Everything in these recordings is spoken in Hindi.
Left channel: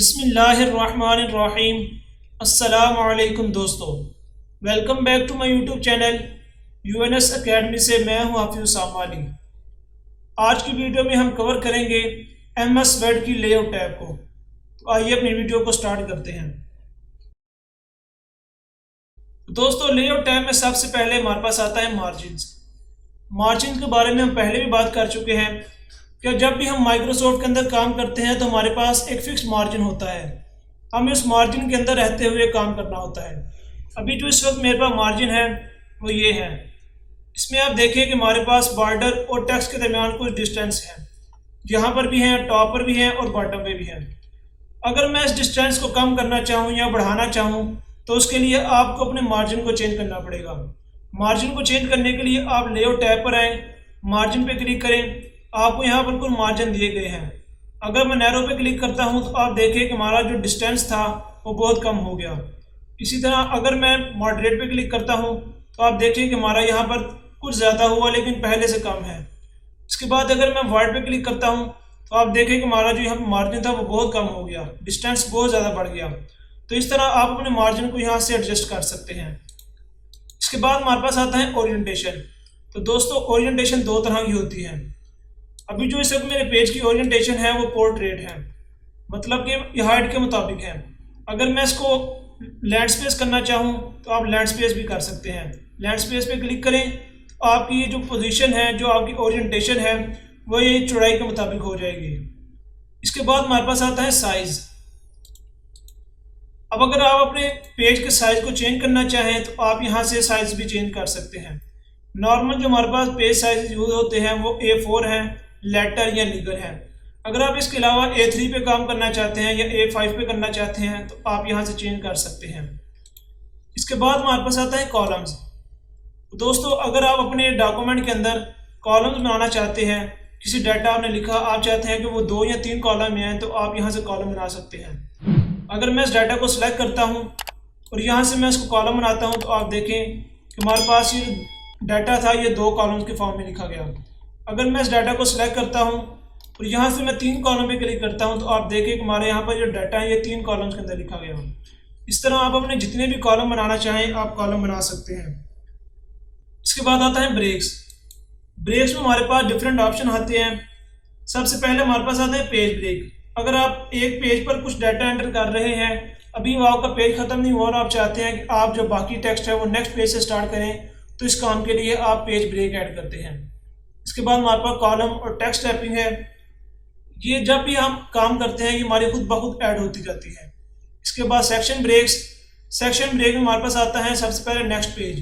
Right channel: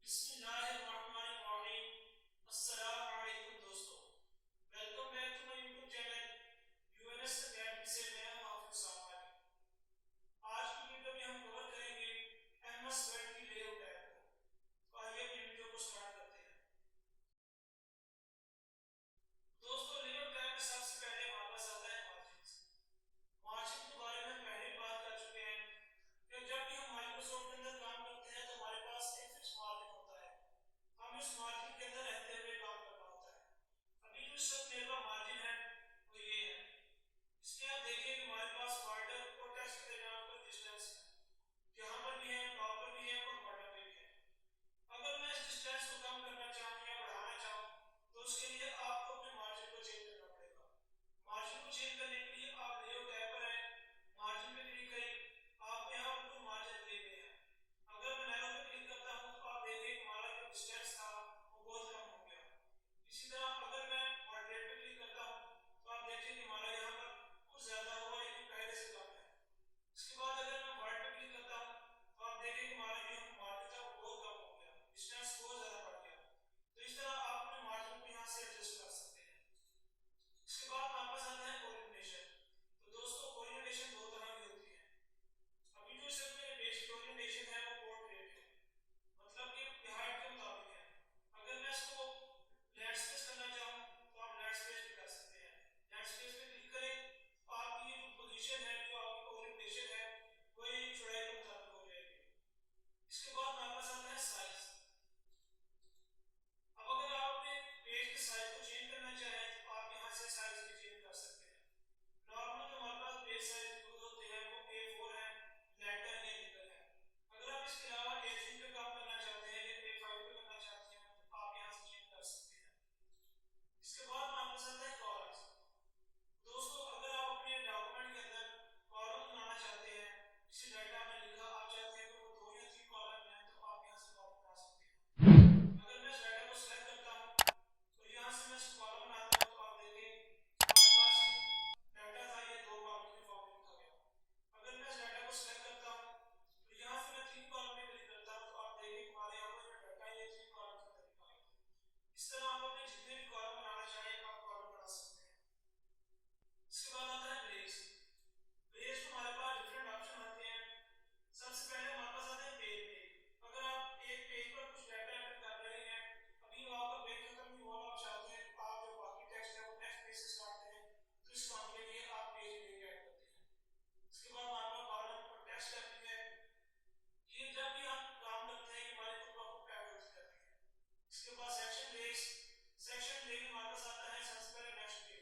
बिस्मिल्लाहिर्रहमानिर्रहीम। अस्सलामु अलैकुम दोस्तों, welcome back to my YouTube channel UNS academy से मैं हूं हाफिज उसामा अली। आज की वीडियो में हम कवर करेंगे एमएस वर्ड की लेआउट टैब को। तो आइए अपनी वीडियो को स्टार्ट करते हैं। दोस्तों, लेआउट टैब में सबसे पहले हमारे पास आता है मार्जिन के बारे में हम पहले भी बात कर चुके हैं कि जब भी हम माइक्रोसॉफ्ट के अंदर काम करते हैं तो हमारे पास एक फिक्स मार्जिन होता है, हमें उस मार्जिन के अंदर रहते हुए काम करना होता है। अभी जो इस वक्त मेरे पास मार्जिन है वो ये है। इसमें आप देखिए कि हमारे पास बॉर्डर और टेक्स्ट के दरमियान कुछ डिस्टेंस है, यहाँ पर भी हैं, टॉप पर भी हैं और बॉटम पे भी हैं। अगर मैं इस डिस्टेंस को कम करना चाहूँ या बढ़ाना चाहूँ तो उसके लिए आपको अपने मार्जिन को चेंज करना पड़ेगा। मार्जिन को चेंज करने के लिए आप लेआउट टैब पर आएँ, मार्जिन पे क्लिक करें। आपको यहाँ पर कुछ मार्जिन दिए गए हैं। अगर मैं नैरो पे क्लिक करता हूँ तो आप देखिए कि हमारा जो डिस्टेंस था वो बहुत कम हो गया। इसी तरह अगर मैं मॉडरेट पे क्लिक करता हूँ तो आप देखिए कि हमारा यहाँ पर कुछ ज़्यादा हुआ लेकिन पहले से कम है। इसके बाद अगर मैं वाइड पे क्लिक करता हूँ तो आप देखिए कि हमारा जो यहाँ पर मार्जिन था वो बहुत कम हो गया, डिस्टेंस बहुत ज़्यादा बढ़ गया। तो इस तरह आप अपने मार्जिन को यहाँ से एडजस्ट कर सकते हैं। इसके बाद हमारे पास आता है ओरिएंटेशन। तो दोस्तों, ओरिएंटेशन दो तरह की होती है। अभी जो इस वक्त मेरे पेज की ओरिएंटेशन है वो पोर्ट्रेट है, मतलब कि ये हाइट के मुताबिक है। अगर मैं इसको लैंडस्पेस करना चाहूँ तो आप लैंडस्पेस भी कर सकते हैं। लैंडस्पेस पे क्लिक करें तो आपकी ये जो पोजीशन है, जो आपकी ओरिएंटेशन है, वो ये चौड़ाई के मुताबिक हो जाएगी। इसके बाद हमारे पास आता है साइज़। अब अगर आप अपने पेज के साइज़ को चेंज करना चाहें तो आप यहाँ से साइज़ भी चेंज कर सकते हैं। नॉर्मल जो हमारे पास पेज साइज यूज होते हैं वो A4 हैं, लेटर या लीगल है। अगर आप इसके अलावा A3 पे काम करना चाहते हैं या A5 पे करना चाहते हैं तो आप यहाँ से चेंज कर सकते हैं। इसके बाद हमारे पास आता है कॉलम्स। दोस्तों, अगर आप अपने डॉक्यूमेंट के अंदर कॉलम्स बनाना चाहते हैं, किसी डाटा आपने लिखा, आप चाहते हैं कि वो 2 या 3 कॉलम में हैं, तो आप यहाँ से कॉलम बना सकते हैं। अगर मैं इस डाटा को सिलेक्ट करता हूँ और यहाँ से मैं इसको कॉलम बनाता हूँ तो आप देखें कि हमारे पास ये डाटा था, ये 2 कॉलम्स के फॉर्म में लिखा गया। अगर मैं इस डाटा को सिलेक्ट करता हूँ और यहाँ से मैं 3 कॉलम पे क्लिक करता हूँ तो आप देखिए कि हमारे यहाँ पर जो डाटा है ये 3 कॉलम्स के अंदर लिखा गया। इस तरह आप अपने जितने भी कॉलम बनाना चाहें आप कॉलम बना सकते हैं। इसके बाद आता है ब्रेक्स। ब्रेक्स में हमारे पास डिफरेंट ऑप्शन आते हैं। सबसे पहले हमारे पास आता है पेज ब्रेक। अगर आप एक पेज पर कुछ डाटा एंटर कर रहे हैं, अभी वो आपका पेज ख़त्म नहीं हुआ और आप चाहते हैं कि आप जो बाकी टेक्स्ट है वो नेक्स्ट पेज से स्टार्ट करें, तो इस काम के लिए आप पेज ब्रेक ऐड करते हैं। इसके बाद हमारे पास कॉलम और टेक्स्ट टैपिंग है। ये जब भी हम काम करते हैं ये हमारी खुद ब खुद ऐड होती जाती है। इसके बाद सेक्शन ब्रेक्स। सेक्शन ब्रेक में हमारे पास आता है सबसे पहले नेक्स्ट पेज।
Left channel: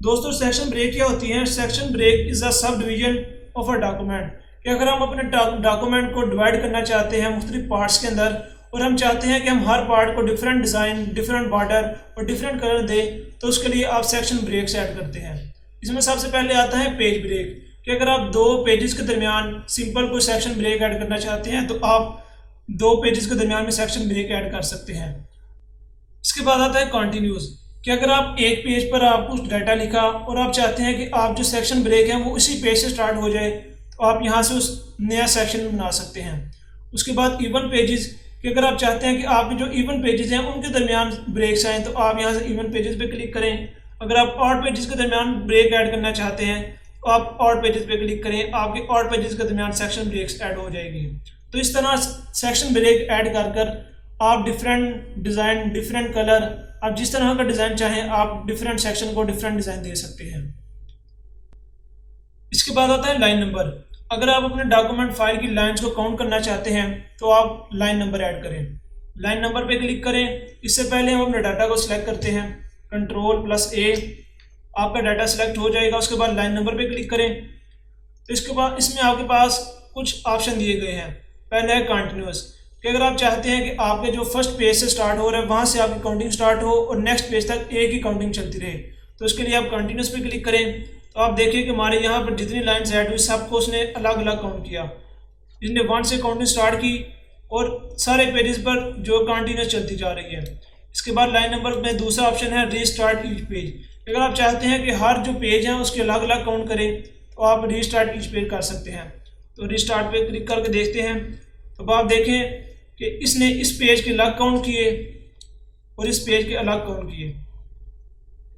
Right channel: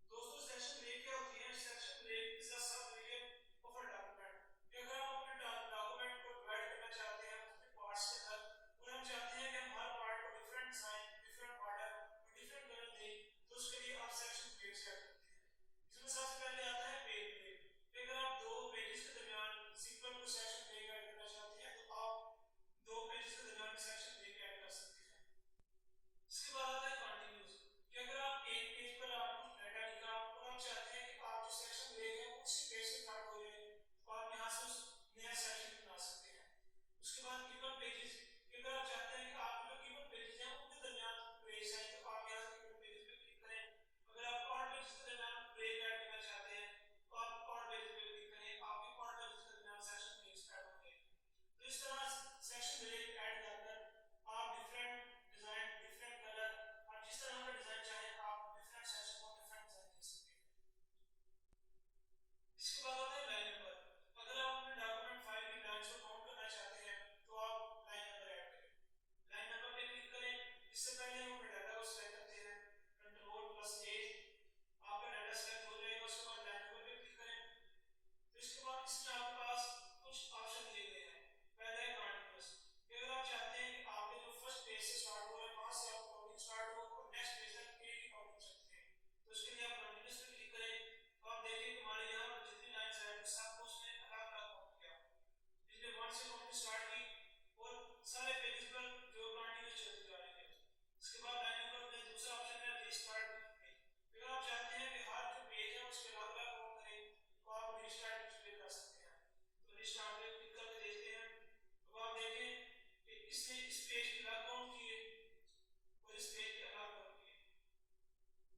दोस्तों, सेक्शन ब्रेक क्या होती है? Section break is a sub division of a document. कि अगर हम अपने डॉक्यूमेंट को डिवाइड करना चाहते हैं मुख्तलिफ पार्ट्स के अंदर और हम चाहते हैं कि हम हर पार्ट को डिफरेंट डिज़ाइन, डिफरेंट बॉर्डर और डिफरेंट कलर दें, तो उसके लिए आप सेक्शन ब्रेक्स ऐड करते हैं। इसमें सबसे पहले आता है पेज ब्रेक कि अगर आप 2 पेजेस के दरमियान सिंपल कोई सेक्शन ब्रेक ऐड करना चाहते हैं तो आप 2 पेजेस के दरमियान में सेक्शन ब्रेक ऐड कर सकते हैं। इसके बाद आता है कॉन्टीन्यूस कि अगर आप एक पेज पर आप कुछ डाटा लिखा और आप चाहते हैं कि आप जो सेक्शन ब्रेक है वो उसी पेज से स्टार्ट हो जाए, तो आप यहाँ से उस नया सेक्शन बना सकते हैं। उसके बाद इवन पेजेस कि अगर आप चाहते हैं कि आपके जो इवन पेजेस हैं उनके दरमियान ब्रेक्स आएँ, तो आप यहाँ से इवन पेजेस पे क्लिक करें। अगर आप ऑड पेजेस के दरमियान ब्रेक ऐड करना चाहते हैं तो आप ऑड पेजेस पे क्लिक करें, आपके ऑड पेजेस के दरमियान सेक्शन ब्रेक्स ऐड हो जाएगी। तो इस तरह सेक्शन ब्रेक ऐड कर आप डिफरेंट डिज़ाइन, डिफरेंट कलर, आप जिस तरह का डिज़ाइन चाहें आप डिफरेंट सेक्शन को डिफरेंट डिज़ाइन दे सकते हैं। इसके बाद आता है लाइन नंबर। अगर आप अपने डॉक्यूमेंट फाइल की लाइंस को काउंट करना चाहते हैं तो आप लाइन नंबर ऐड करें। लाइन नंबर पे क्लिक करें। इससे पहले हम अपने डाटा को सिलेक्ट करते हैं, Ctrl+A, आपका डाटा सिलेक्ट हो जाएगा। उसके बाद लाइन नंबर पे क्लिक करें। तो इसके बाद इसमें आपके पास कुछ ऑप्शन दिए गए हैं। पहले है कंटिन्यूस कि अगर आप चाहते हैं कि आपके जो फर्स्ट पेज से स्टार्ट हो रहा है वहाँ से आपकी काउंटिंग स्टार्ट हो और नेक्स्ट पेज तक एक ही काउंटिंग चलती रहे, तो इसके लिए आप कंटिन्यूस पे क्लिक करें। तो आप देखिए कि हमारे यहाँ पर जितनी लाइन्स ऐड हुई सबको उसने अलग अलग काउंट किया। इसने 1 से काउंटिंग स्टार्ट की और सारे पेजेस पर जो कंटिन्यूस चलती जा रही है। इसके बाद लाइन नंबर में दूसरा ऑप्शन है रीस्टार्ट ईच पेज। अगर आप चाहते हैं कि हर जो पेज हैं उसके अलग अलग काउंट करें तो आप रीस्टार्ट ईच पेज कर सकते हैं। तो रीस्टार्ट पे क्लिक करके देखते हैं तो आप देखें कि इसने इस पेज के अलग काउंट किए और इस पेज के अलग काउंट किए।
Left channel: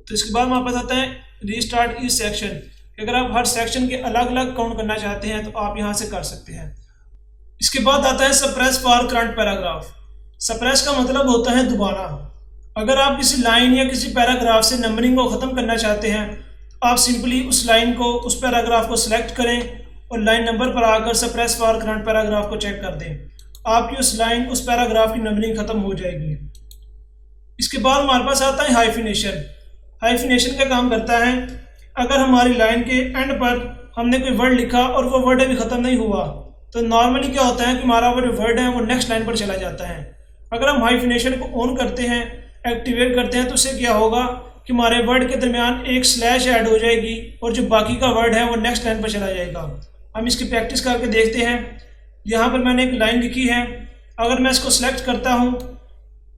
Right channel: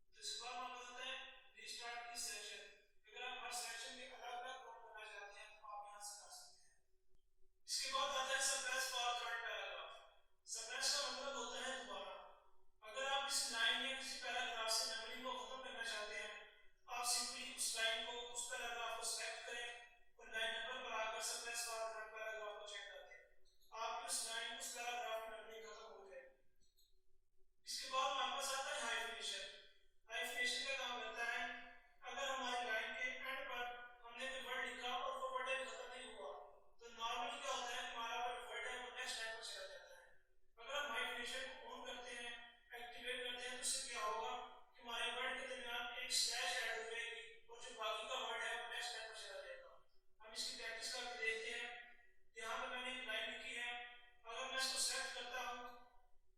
तो इसके बाद हमारे पास आता है रीस्टार्ट ईच सेक्शन। अगर आप हर सेक्शन के अलग अलग काउंट करना चाहते हैं तो आप यहाँ से कर सकते हैं। इसके बाद आता है suppress for current paragraph. Suppress का मतलब होता है दोबारा। अगर आप किसी लाइन या किसी पैराग्राफ से नंबरिंग को ख़त्म करना चाहते हैं तो आप सिंपली उस लाइन को, उस पैराग्राफ को सिलेक्ट करें और लाइन नंबर पर आकर सप्रेस फॉर करंट पैराग्राफ को चेक कर दें। आपकी उस लाइन, उस पैराग्राफ की नंबरिंग ख़त्म हो जाएगी। इसके बाद हमारे पास आता है हाइफिनेशन। हाइफिनेशन का काम करता है, अगर हमारी लाइन के एंड पर हमने कोई वर्ड लिखा और वो वर्ड अभी ख़त्म नहीं हुआ तो नॉर्मली क्या होता है कि हमारा वो जो वर्ड है वो नेक्स्ट लाइन पर चला जाता है। अगर हम हाइफिनेशन को ऑन करते हैं, एक्टिवेट करते हैं, तो उससे क्या होगा कि हमारे वर्ड के दरमियान एक स्लैश ऐड हो जाएगी और जो बाकी का वर्ड है वो नेक्स्ट लाइन पर चला जाएगा। हम इसकी प्रैक्टिस करके देखते हैं। यहाँ पर मैंने एक लाइन लिखी है, अगर मैं इसको सेलेक्ट करता हूँ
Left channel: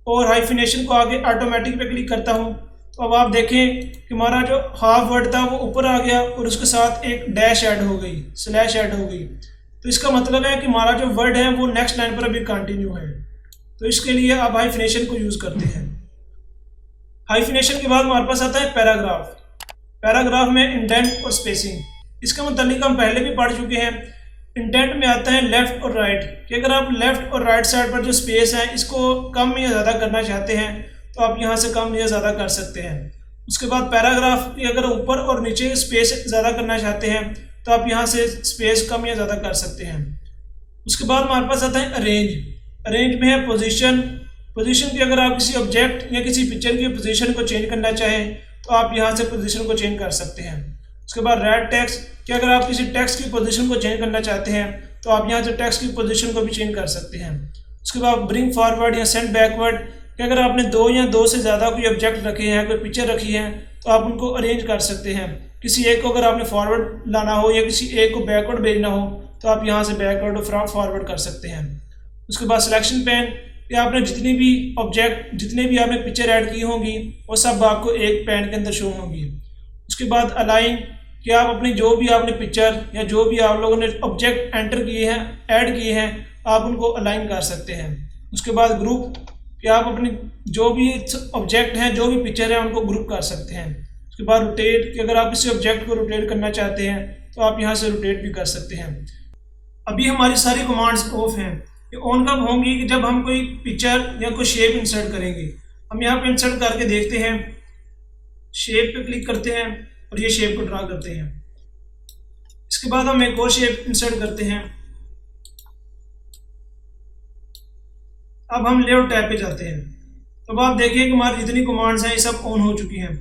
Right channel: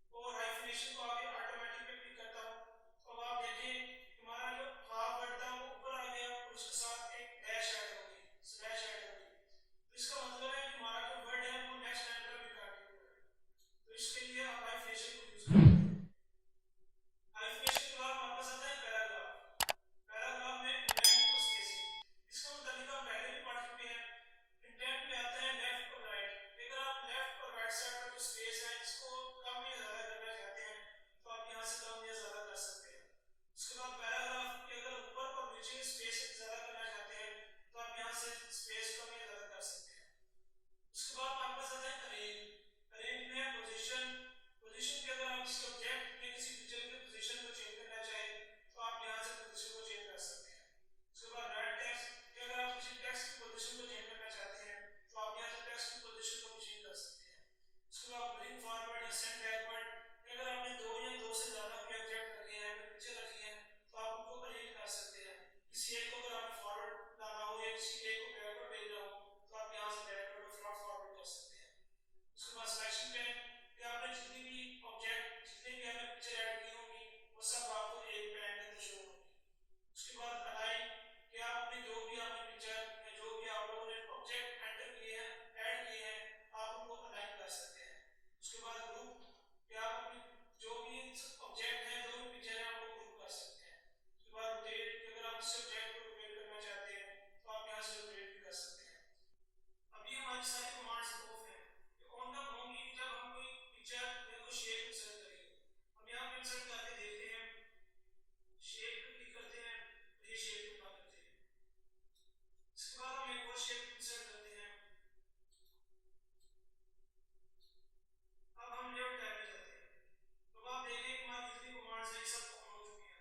और हाइफिनेशन को आगे ऑटोमेटिक पे क्लिक करता हूँ तो अब आप देखें कि हमारा जो हाफ वर्ड था वो ऊपर आ गया और उसके साथ एक डैश ऐड हो गई, स्लैश ऐड हो गई। तो इसका मतलब है कि हमारा जो वर्ड है वो नेक्स्ट लाइन पर अभी कंटिन्यू है। तो इसके लिए आप हाइफिनेशन को यूज़ करते हैं। हाइफिनेशन के बाद हमारे पास आता है पैराग्राफ। पैराग्राफ में इंडेंट और स्पेसिंग। इसका मतलब हम पहले भी पढ़ चुके हैं। इंडेंट में आता है लेफ्ट और राइट, कि अगर आप लेफ्ट और राइट साइड पर जो स्पेस है इसको कम या ज़्यादा करना चाहते हैं तो आप यहाँ से कम या ज़्यादा कर सकते हैं। उसके बाद पैराग्राफ की अगर ऊपर और नीचे स्पेस ज़्यादा करना चाहते हैं तो आप यहाँ से स्पेस कम या ज़्यादा कर सकते हैं। उसके बाद हमारे पास आता है अरेंज। अरेंज में है पोजीशन। पोजीशन की अगर आप किसी ऑब्जेक्ट या किसी पिक्चर की पोजीशन को चेंज करना चाहें तो आप यहाँ से पोजीशन को चेंज कर सकते हैं। उसके बाद रेड टेक्स्ट, कि अगर आप किसी टेक्स्ट की पोजीशन को चेंज करना चाहते हैं तो आप यहाँ से टेक्स्ट की पोजीशन को भी चेंज कर सकते हैं। उसके बाद ब्रिंग फॉरवर्ड या सेंड बैकवर्ड, कि अगर आपने दो या दो से ज़्यादा कोई ऑब्जेक्ट रखे हैं, कोई पिक्चर रखी है तो आप उनको अरेंज कर सकते हैं। किसी एक को अगर आपने फॉरवर्ड लाना हो या किसी एक को बैकवर्ड भेजना हो तो आप यहाँ से बैकवर्ड और फॉरवर्ड कर सकते हैं। उसके बाद सिलेक्शन पेन, कि आपने जितनी भी ऑब्जेक्ट, जितने भी आपने पिक्चर ऐड की होंगी वो सब आपको एक पेन के अंदर शो होंगी। उसके बाद अलाइन, कि आप अपनी जो भी आपने पिक्चर या जो भी आप लोगों ने ऑब्जेक्ट एंटर किए हैं, ऐड किए हैं, आप उनको अलाइन कर सकते हैं। उसके बाद ग्रुप, कि आप अपनी जो भी ऑब्जेक्ट हैं, जो भी पिक्चर है उनको ग्रुप कर सकते हैं। उसके बाद रोटेट, कि अगर आप किसी ऑब्जेक्ट को रोटेट करना चाहते हैं तो आप यहाँ से रोटेट भी कर सकते हैं। अभी हमारी सारी कमांड्स ऑफ हैं। ये ऑन कब होंगी कि जब हम कोई पिक्चर या कोई शेप इंसर्ट करेंगे। हम यहाँ पे इंसर्ट करके देखते हैं, शेप पे क्लिक करते हैं और ये शेप को ड्रा करते हैं। इसके बाद हम एक और शेप इंसर्ट करते हैं। अब हम लेआउट टैब पे जाते हैं। तो अब आप देखिए कि हमारी जितनी कमांड्स हैं ये सब ऑन हो चुकी हैं।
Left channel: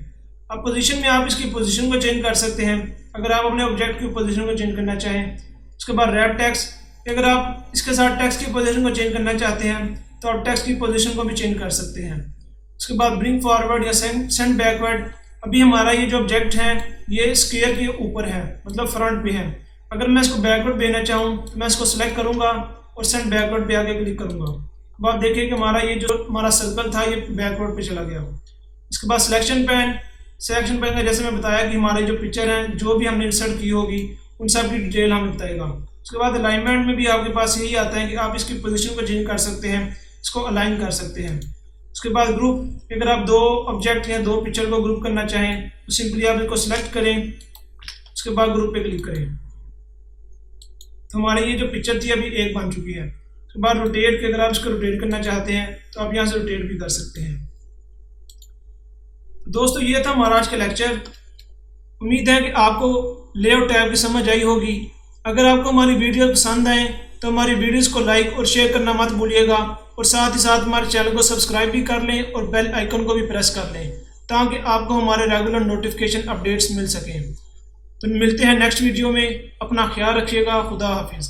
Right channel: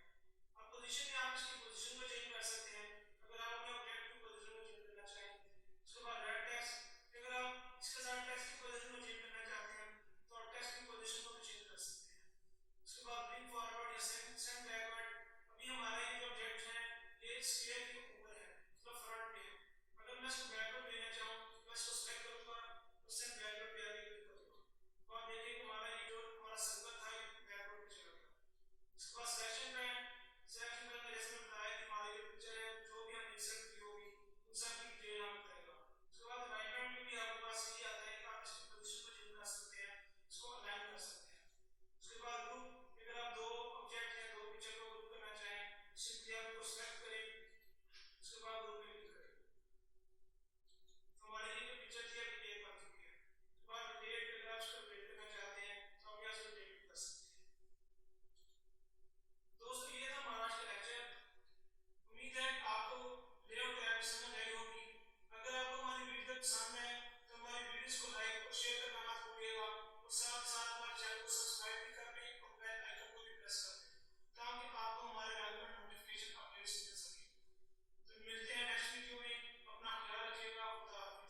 अब पोजीशन में आप इसकी पोजीशन को चेंज कर सकते हैं अगर आप अपने ऑब्जेक्ट की पोजीशन को चेंज करना चाहें। उसके बाद रैप टेक्स्ट, अगर आप इसके साथ टेक्स्ट की पोजीशन को चेंज करना चाहते हैं तो आप टेक्स्ट की पोजीशन को भी चेंज कर सकते हैं। उसके बाद ब्रिंग फॉरवर्ड या सेंड बैकवर्ड, अभी हमारा ये जो ऑब्जेक्ट है ये स्क्वायर के ऊपर है, मतलब फ्रंट पे है। अगर मैं इसको बैकवर्ड भेजना चाहूँ तो मैं इसको सेलेक्ट करूँगा और सेंड बैकवर्ड पे आके क्लिक करूँगा। अब आप देखिए कि हमारा ये जो हमारा सर्कल था ये बैकवर्ड पे चला गया। इसके बाद सिलेक्शन पेन, सिलेक्शन पेन का जैसे मैं बताया कि हमारे जो पिक्चर हैं, जो भी हमने इंसर्ट की होगी उन सब की डिटेल हमें बताएगा। उसके बाद अलाइनमेंट में भी आपके पास यही आता है कि आप इसकी पोजीशन को चेंज कर सकते हैं, इसको अलाइन कर सकते हैं। उसके बाद ग्रुप, अगर आप दो ऑब्जेक्ट या दो पिक्चर को ग्रुप करना चाहें तो सिंपली आप इसको सिलेक्ट करें, उसके बाद ग्रुप पे क्लिक करें। तो हमारी ये जो पिक्चर थी अभी एक बन चुकी है। उसके बाद रोटेट, के अगर आप इसको रोटेट करना चाहते हैं तो आप यहाँ से रोटेट भी कर सकते हैं। दोस्तों ये था हमारा आज का लेक्चर। उम्मीद है कि आपको लेआउट टैब की समझ आई होगी। अगर आपको हमारी वीडियो पसंद आए तो हमारी वीडियोस को लाइक और शेयर करना मत भूलिएगा और साथ ही साथ हमारे चैनल को सब्सक्राइब भी कर लें और बेल आइकन को भी प्रेस कर लें ताकि आपको हमारे रेगुलर नोटिफिकेशन अपडेट्स मिल सकें। तो मिलते हैं नेक्स्ट वीडियो में। अपना ख्याल रखिएगा। खुदा हाफिज़।